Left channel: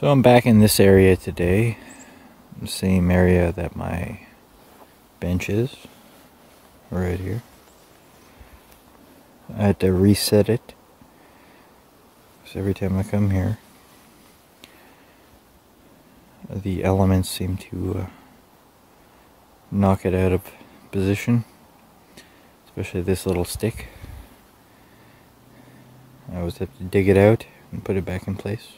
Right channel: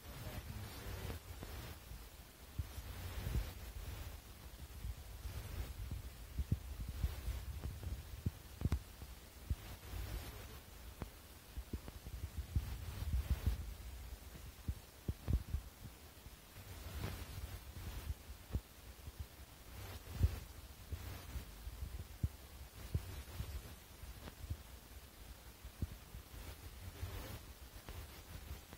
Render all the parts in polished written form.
So I'm back in this area today, the same area that my bench is, right here. I had to reset it, because every time I come here, the elements seem to knock it out of position, especially this little stick. I always have to dig it out and put it back in place.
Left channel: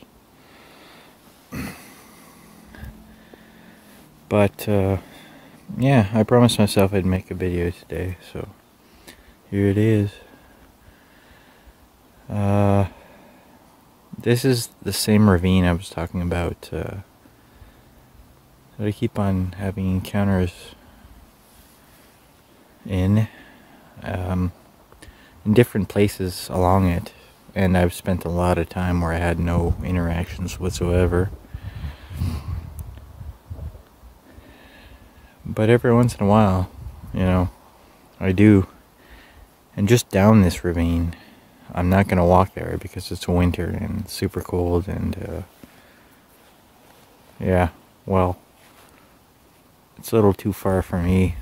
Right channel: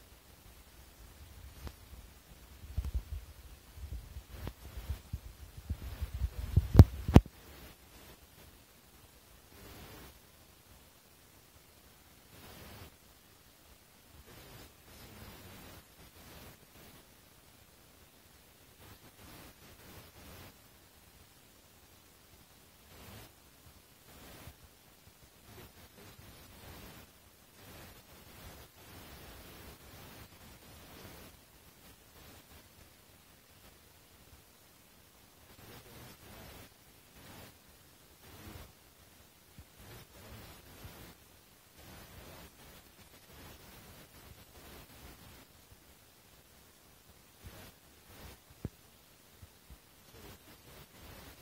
But yeah, I promised myself I'd make a video today, so here it is. This is the same ravine I was talking about that I keep on having encounters in different places along it, and I've spent a lot of time where I had no interactions whatsoever. But every once in a while, I do. And just down this ravine, I'm not going to walk there because it's winter and super cold and, yeah, well, it's a little too far for me.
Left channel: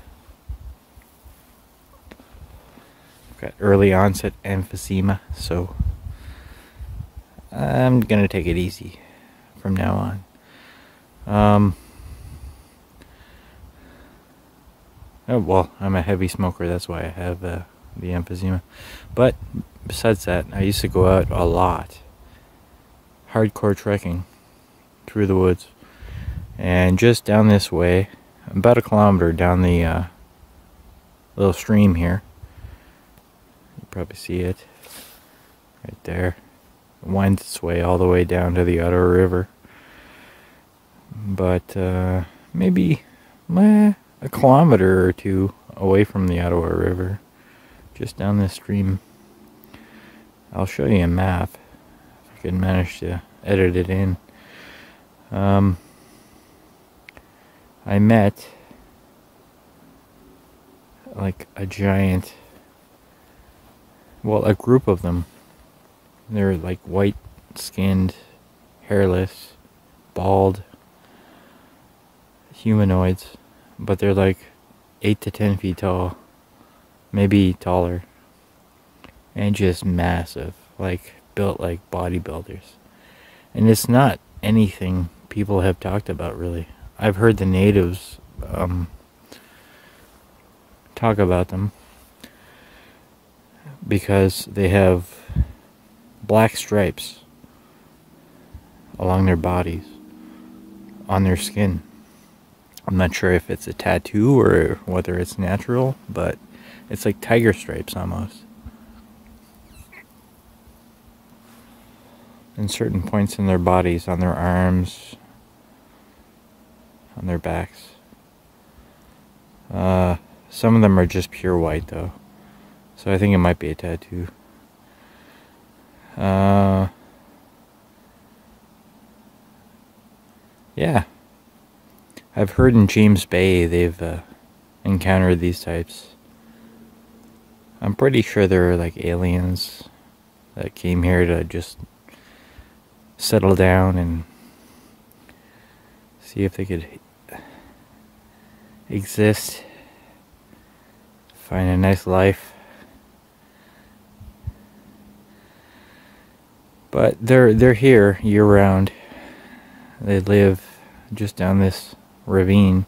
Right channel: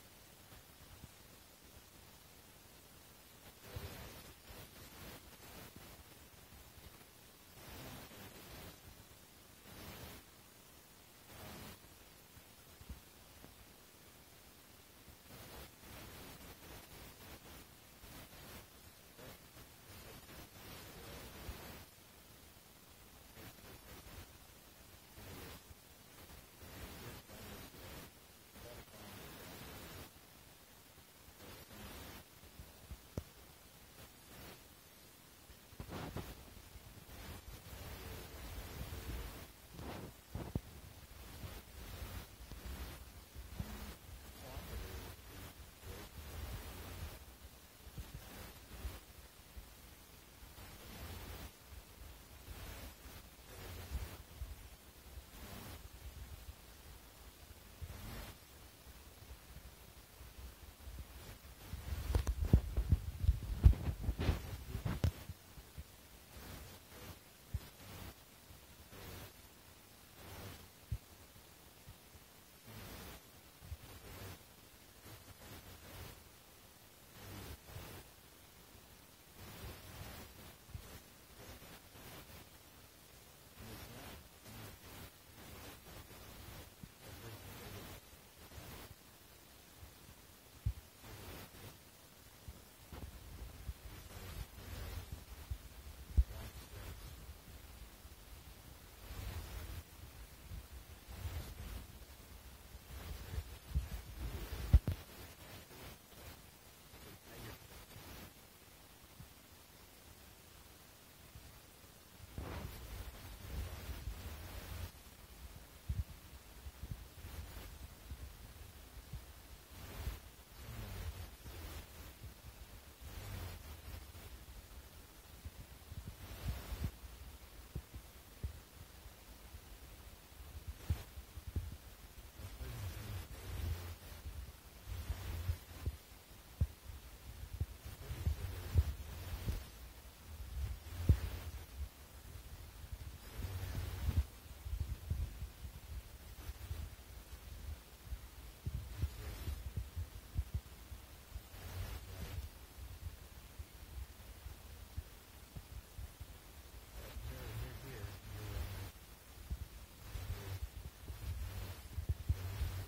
I've got early onset emphysema, so I'm going to take it easy from now on. Oh, well, I'm a heavy smoker, that's why I have the emphysema. But besides that, I used to go out a lot, hardcore trekking through the woods, and just down this way, about a kilometer down the little stream here. You probably see it right there. It winds its way all the way down to the Ottawa River. But maybe a kilometer or two away from the Ottawa River, just down this stream. I'll show you a map if I can manage to edit it in. I met like a giant, well, a group of them. They're like white skinned, hairless, bald humanoids, but they're like 8 to 10 feet tall, maybe taller, and just massive, like built like bodybuilders. And it's not anything people have talked about, really. I've heard the natives talk about them because they have black stripes along their bodies, on their skin. I'm not sure if it's a tattoo or whether it's natural, but it's like tiger stripes almost. In certain points in their bodies, on their arms, on their backs. Some of them are just pure white though, so I think it might be a tattoo. Yeah. I've heard in James Bay they've encountered these types. I'm pretty sure they're like aliens that came here to just settle down and see if they could exist, find a nice life. But they're here year round. They live just down this ravine.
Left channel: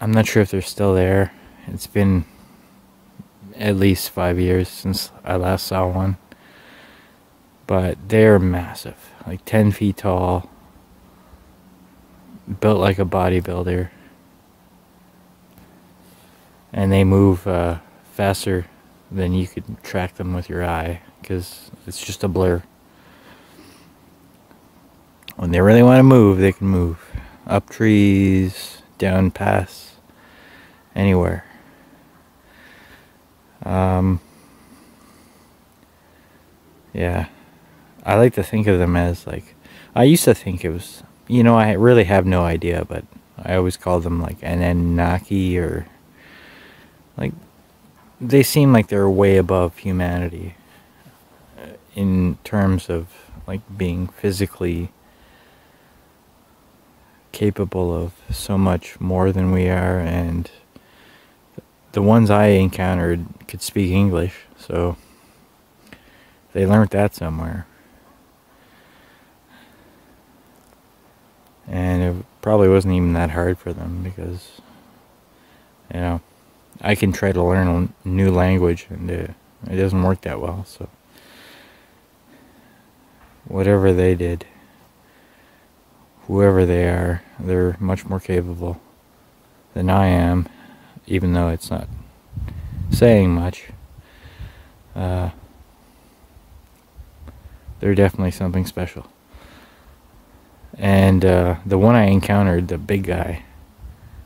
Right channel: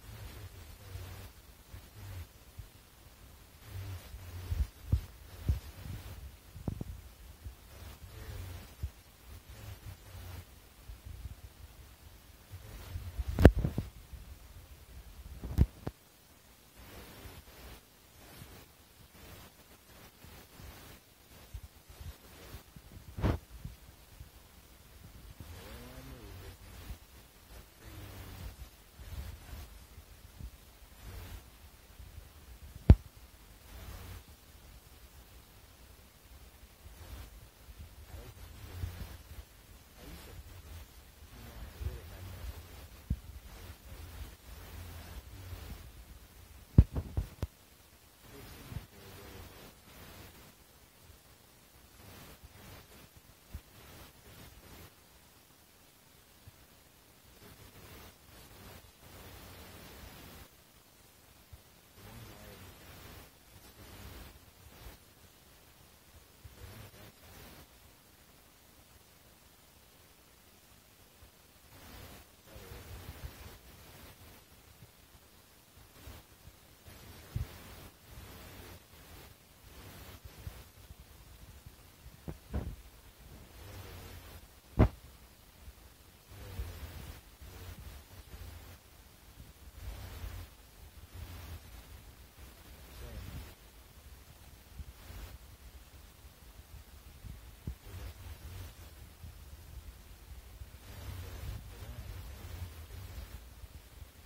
I'm not sure if they're still there. It's been at least 5 years since I last saw one. But they're massive, like 10 feet tall, built like a bodybuilder. And they move faster than you could track them with your eye, because it's just a blur. When they really want to move, they can move. Up trees, down paths, anywhere. Yeah. I like to think of them as like, I used to think it was, I really have no idea, but I always called them like an Annunaki, or like, they seem like they're way above humanity in terms of like being physically capable of so much more than we are, and the ones I encountered could speak English, so they learned that somewhere. And it probably wasn't even that hard for them, because, you know, I can try to learn a new language and it doesn't work that well, so whatever they did, whoever they are, they're much more capable than I am, even though it's not saying much. They're definitely something special. And the one I encountered, the big guy,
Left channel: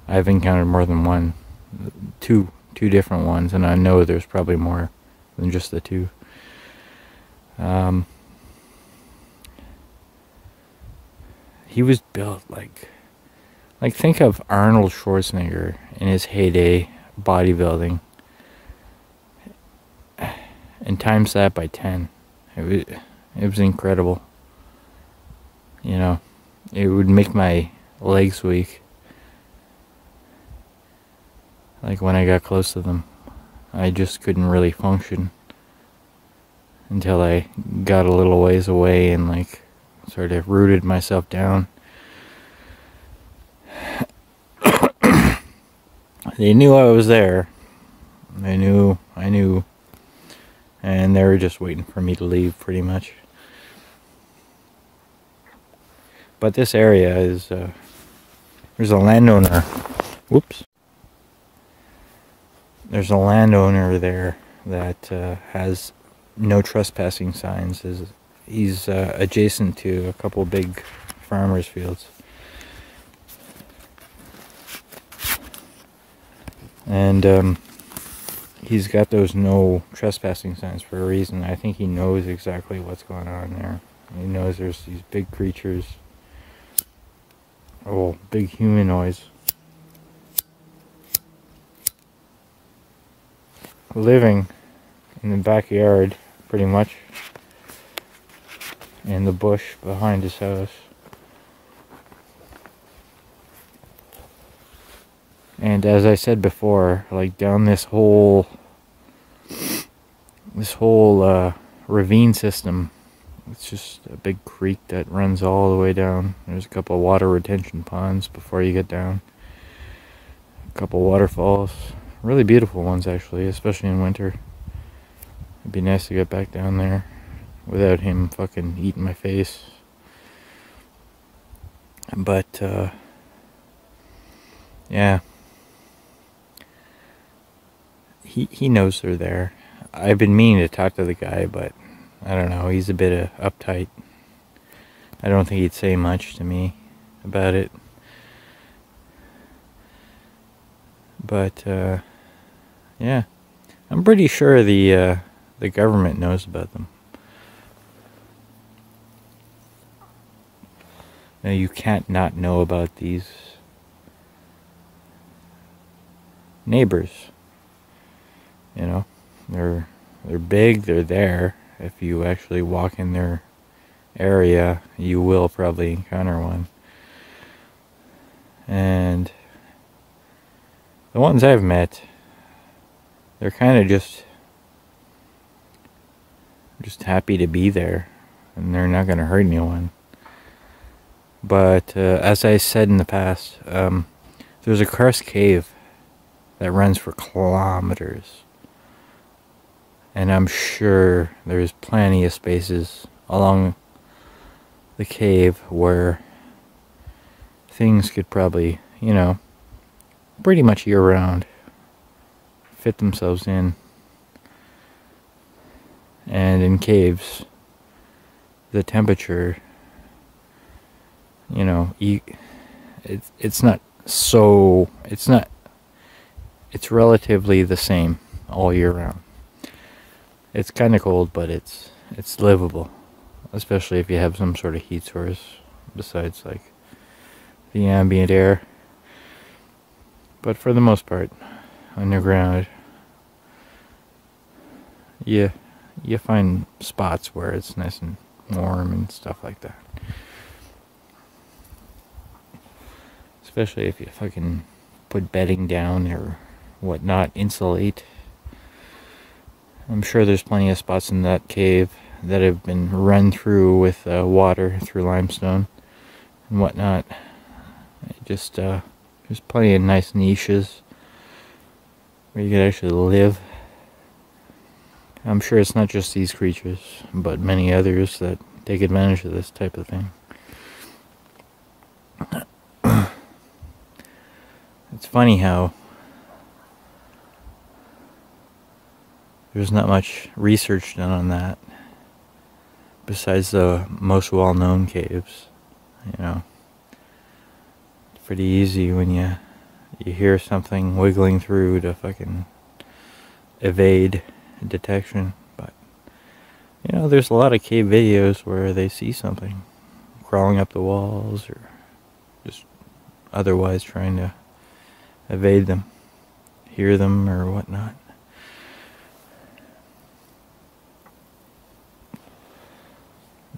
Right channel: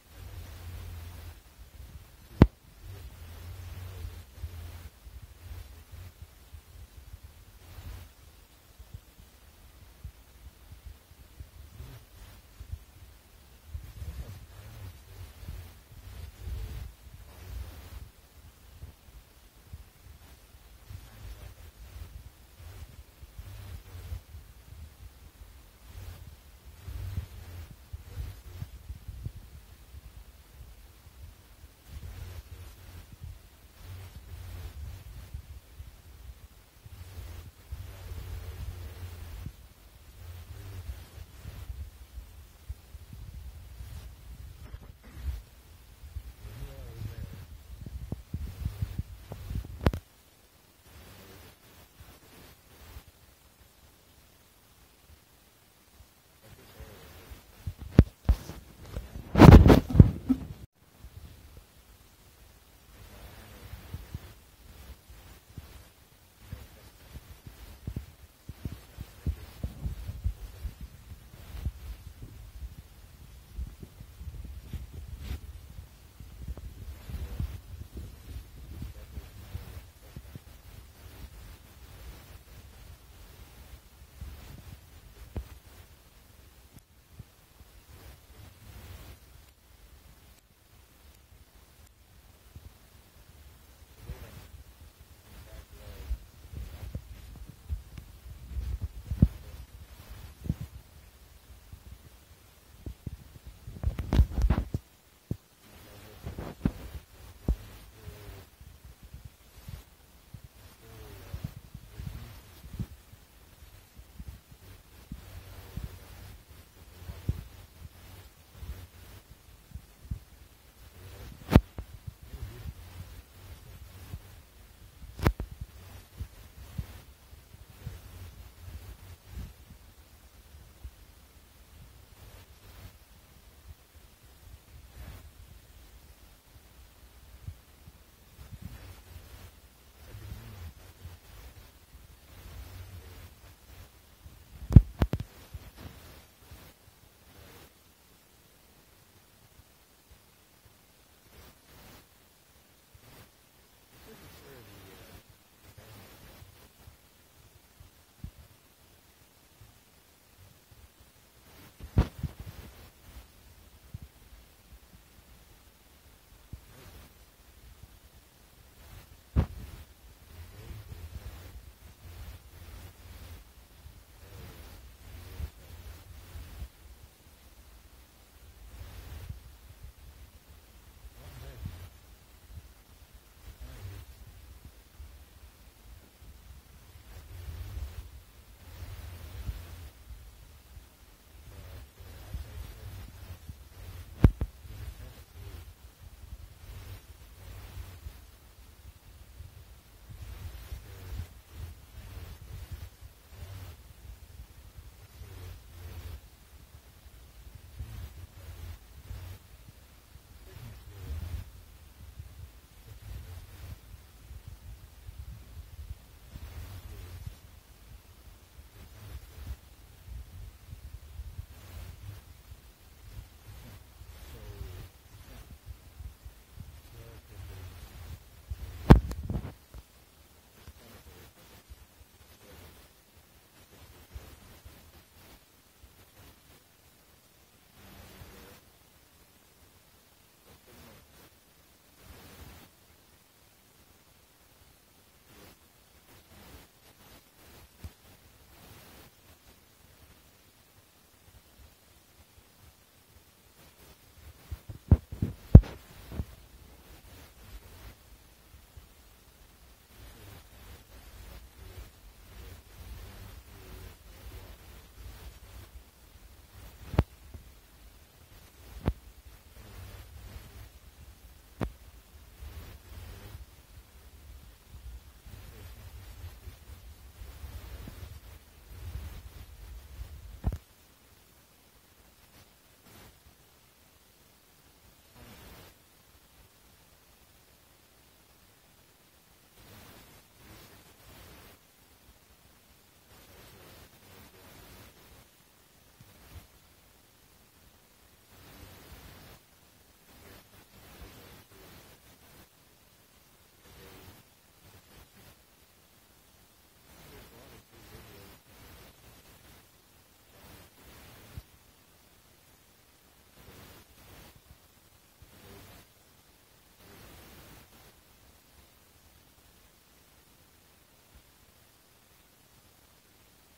I've encountered more than one, two different ones, and I know there's probably more than just the two. He was built like think of Arnold Schwarzenegger in his heyday bodybuilding, and times that by 10. It was incredible. You know, it would make my legs weak. Like when I got close to them, I just couldn't really function until I got a little ways away and like sort of rooted myself down. They knew I was there. I knew, and they were just waiting for me to leave, pretty much. But this area is, there's a landowner. Whoops. There's a landowner there that has no trespassing signs. He's adjacent to a couple big farmers' fields. And he's got those no trespassing signs for a reason. I think he knows exactly what's going on there. He knows there's these big creatures. Oh, big humanoids living in the backyard, pretty much, in the bush behind his house. And as I said before, like down this whole ravine system, it's just a big creek that runs all the way down. There's a couple of water retention ponds before you get down. A couple waterfalls. Really beautiful ones, actually, especially in winter. It'd be nice to get back down there without him fucking eating my face. But, yeah. He knows they're there. I've been meaning to talk to the guy, but I don't know, he's a bit uptight. I don't think he'd say much to me about it. But, yeah. I'm pretty sure the government knows about them. Now, you can't not know about these neighbors. You know, they're big, they're there. If you actually walk in their area, you will probably encounter one. And the ones I've met, they're kind of just happy to be there, and they're not going to hurt anyone. But as I said in the past, there's a cursed cave that runs for kilometers. And I'm sure there's plenty of spaces along the cave where things could probably, you know, pretty much year-round fit themselves in. And in caves, the temperature, you know, it's relatively the same all year round. It's kind of cold, but it's livable, especially if you have some sort of heat source besides like the ambient air. But for the most part, underground, you find spots where it's nice and warm and stuff like that. Especially if you fucking put bedding down or whatnot, insulate. I'm sure there's plenty of spots in that cave that have been run through with water through limestone and whatnot. Just there's plenty of nice niches where you could actually live. I'm sure it's not just these creatures, but many others that take advantage of this type of thing. It's funny how there's not much research done on that besides the most well-known caves. You know, it's pretty easy when you hear something wiggling through to fucking evade detection. But you know, there's a lot of cave videos where they see something crawling up the walls or just otherwise trying to evade them, hear them or whatnot.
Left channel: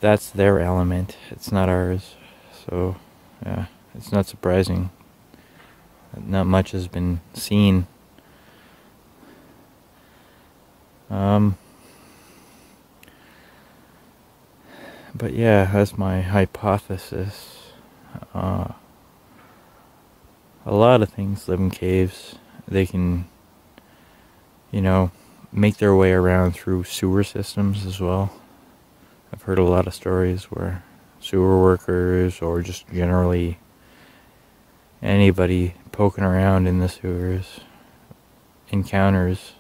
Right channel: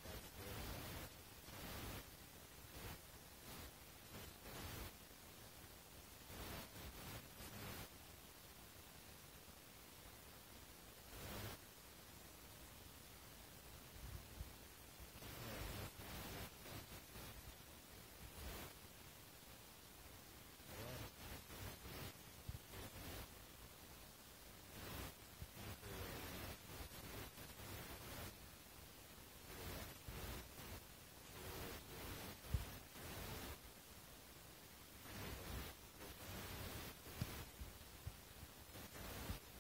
That's their element, it's not ours. So yeah, it's not surprising that not much has been seen. But yeah, that's my hypothesis. A lot of things live in caves. They can, you know, make their way around through sewer systems as well. I've heard a lot of stories where sewer workers or just generally anybody poking around in the sewers encounters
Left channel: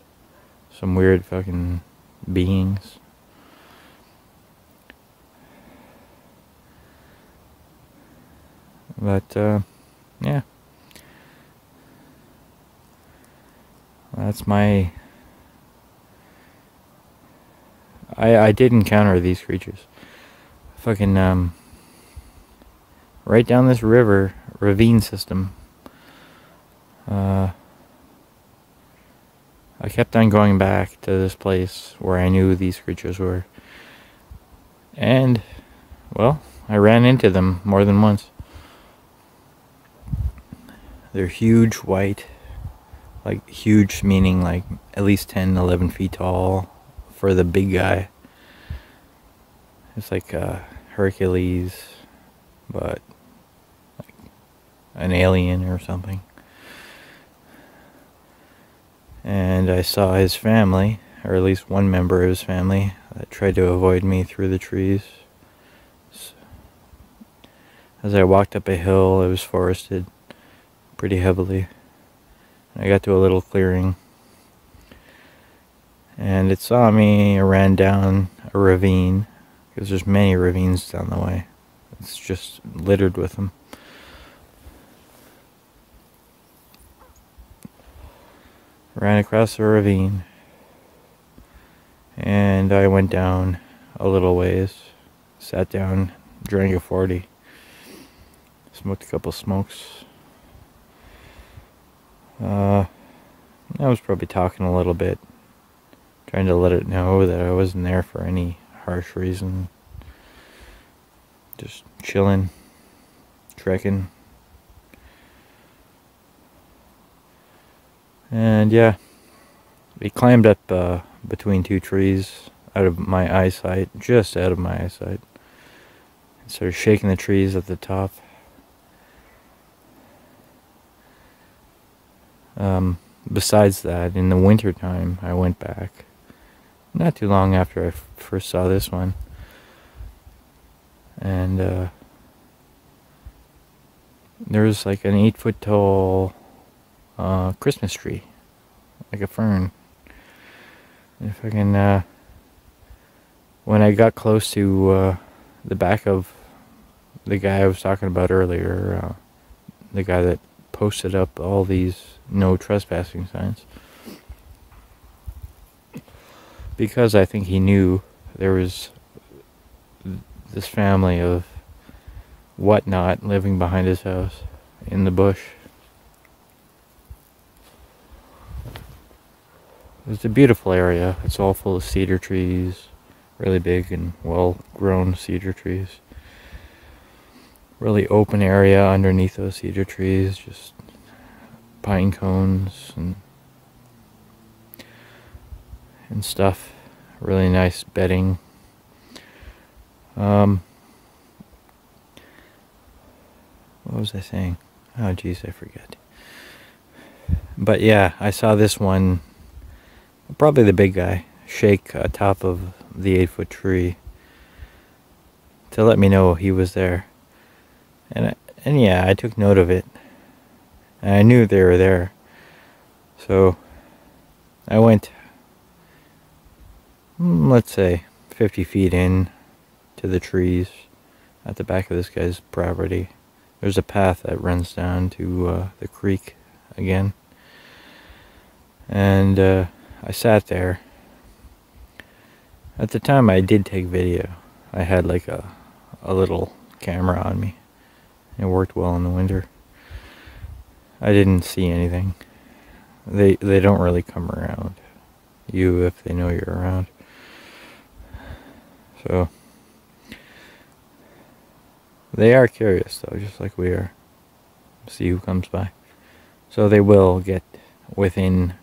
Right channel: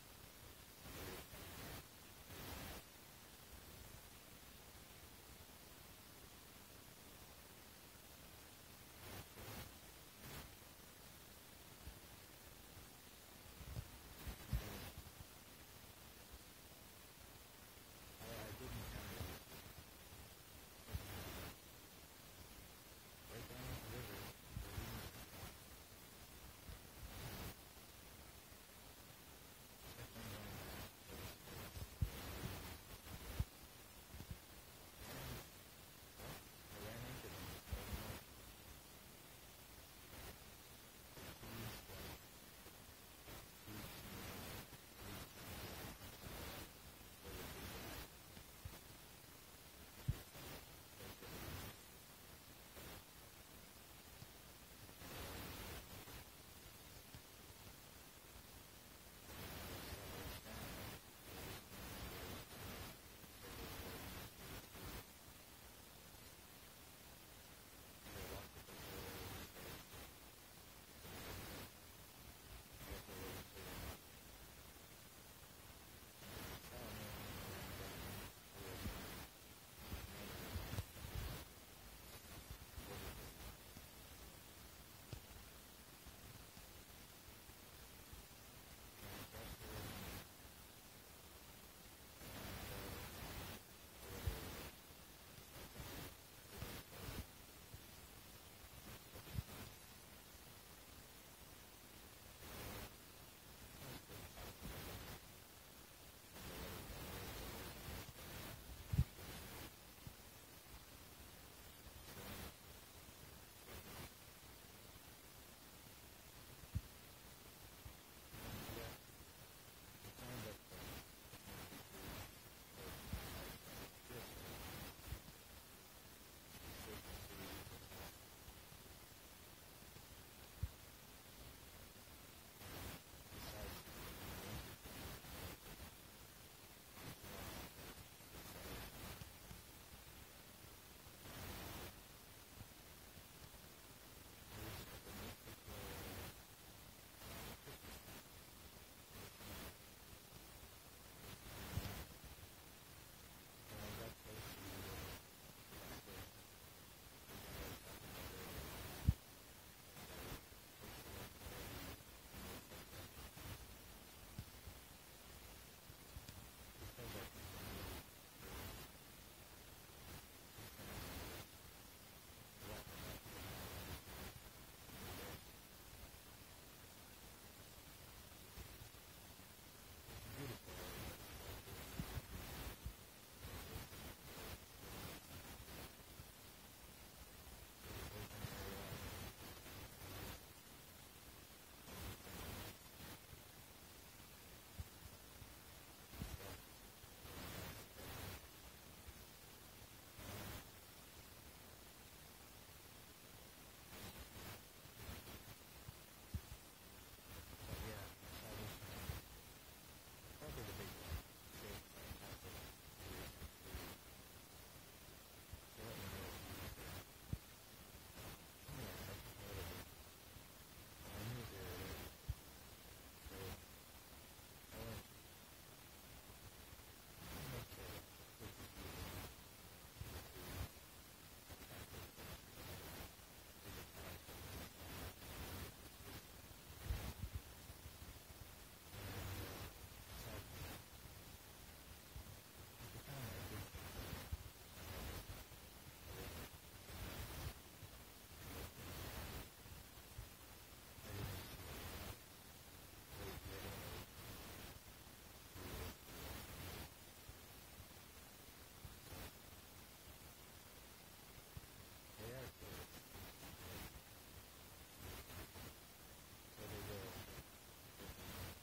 some weird fucking beings. But yeah, that's my... I did encounter these creatures. Fucking right down this ravine system. I kept on going back to this place where I knew these creatures were. And, well, I ran into them more than once. They're huge, white. Like, huge meaning like at least 10, 11 feet tall for the big guy. It's like Hercules, but like an alien or something. And I saw his family, or at least one member of his family, that tried to avoid me through the trees. As I walked up a hill, it was forested pretty heavily. I got to a little clearing, and it saw me. I ran down a ravine, because there's many ravines down the way. It's just littered with them. Ran across the ravine, and I went down a little ways, sat down, drank a 40, smoked a couple smokes. I was probably talking a little bit, trying to let it know that I wasn't there for any harsh reason. Just chilling, trekking. And yeah, we climbed up between two trees, out of my eyesight, just out of my eyesight. Started shaking the trees at the top. Besides that, in the winter time, I went back. Not too long after I first saw this one. And there was like an 8-foot tall Christmas tree, like a fern. And if I can, when I got close to the back of the guy I was talking about earlier, the guy that posted up all these no trespassing signs, because I think he knew there was this family of whatnot living behind his house in the bush. It's a beautiful area. It's all full of cedar trees, really big and well-grown cedar trees. really open area underneath those cedar trees, just pine cones and stuff. Really nice bedding. What was I saying? Oh geez, I forget. But yeah, I saw this one, probably the big guy, shake atop of the 8-foot tree to let me know he was there. And yeah, I took note of it. And I knew they were there. So I went, let's say, 50 feet in to the trees at the back of this guy's property. There's a path that runs down to the creek again. And I sat there. At the time I did take video. I had like a little camera on me. It worked well in the winter. I didn't see anything. They don't really come around you if they know you're around. So they are curious though, just like we are. See who comes by. So they will get within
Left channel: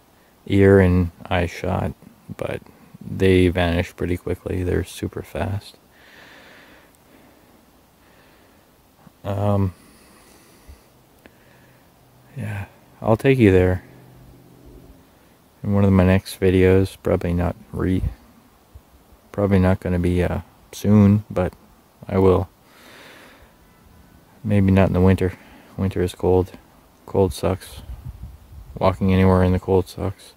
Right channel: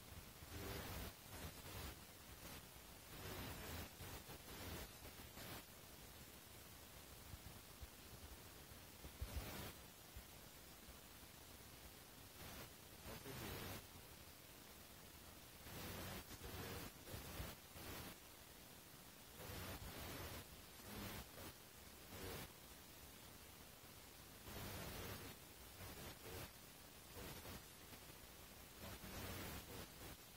ear and eye shot, but they vanish pretty quickly. They're super fast. Yeah, I'll take you there in one of my next videos. Probably not going to be soon, but I will. Maybe not in the winter. Winter is cold. Cold sucks. Walking anywhere in the cold sucks.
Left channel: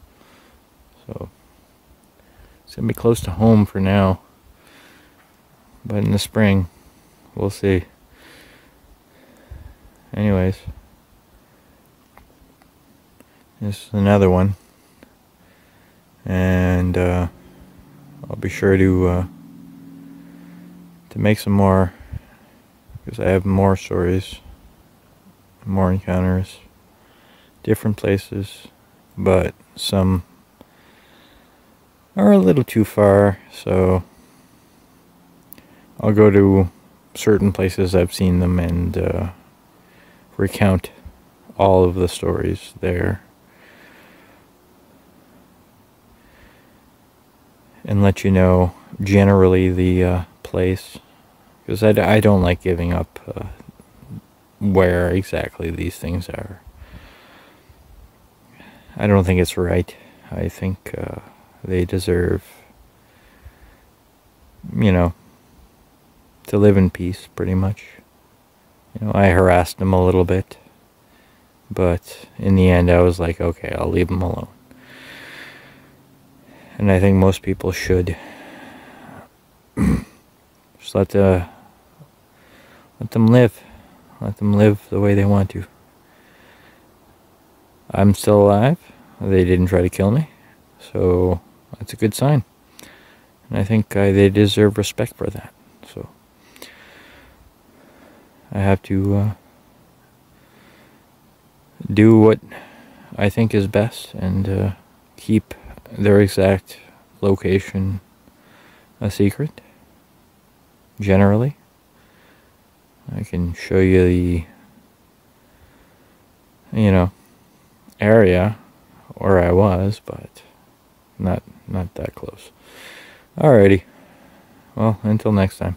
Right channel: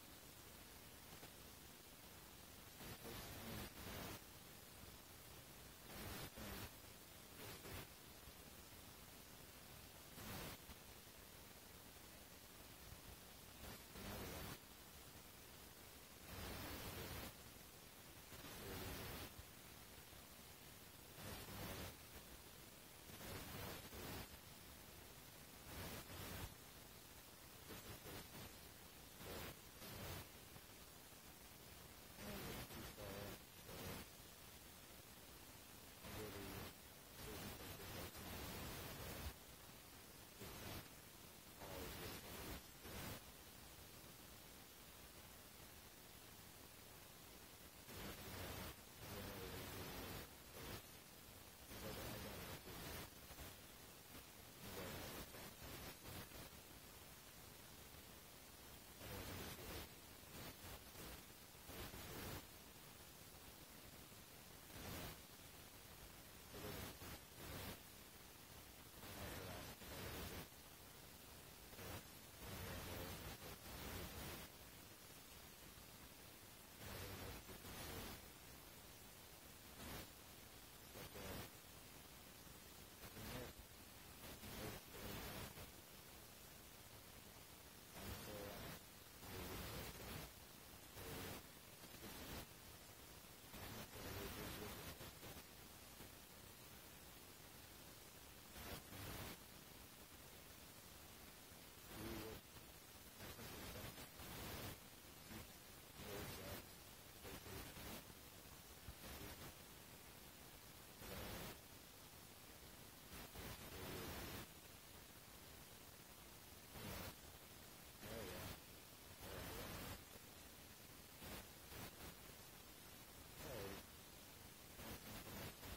So it's gonna be close to home for now. But in the spring, we'll see. Anyways, this is another one, and I'll be sure to make some more, because I have more stories, more encounters, different places, but some are a little too far, so I'll go to certain places I've seen them and recount all of the stories there and let you know generally the place, because I don't like giving up where exactly these things are. I don't think it's right. I think they deserve, to live in peace, pretty much. I harassed them a little bit, but in the end I was like, okay, I'll leave them alone. And I think most people should just let them live. Let them live the way they want to. I'm still alive. They didn't try to kill me, so that's a good sign. And I think they deserve respect for that. So I have to do what I think is best and keep their exact location a secret. Generally, I can show you the area where I was, but not that close. Alrighty. Well, until next time.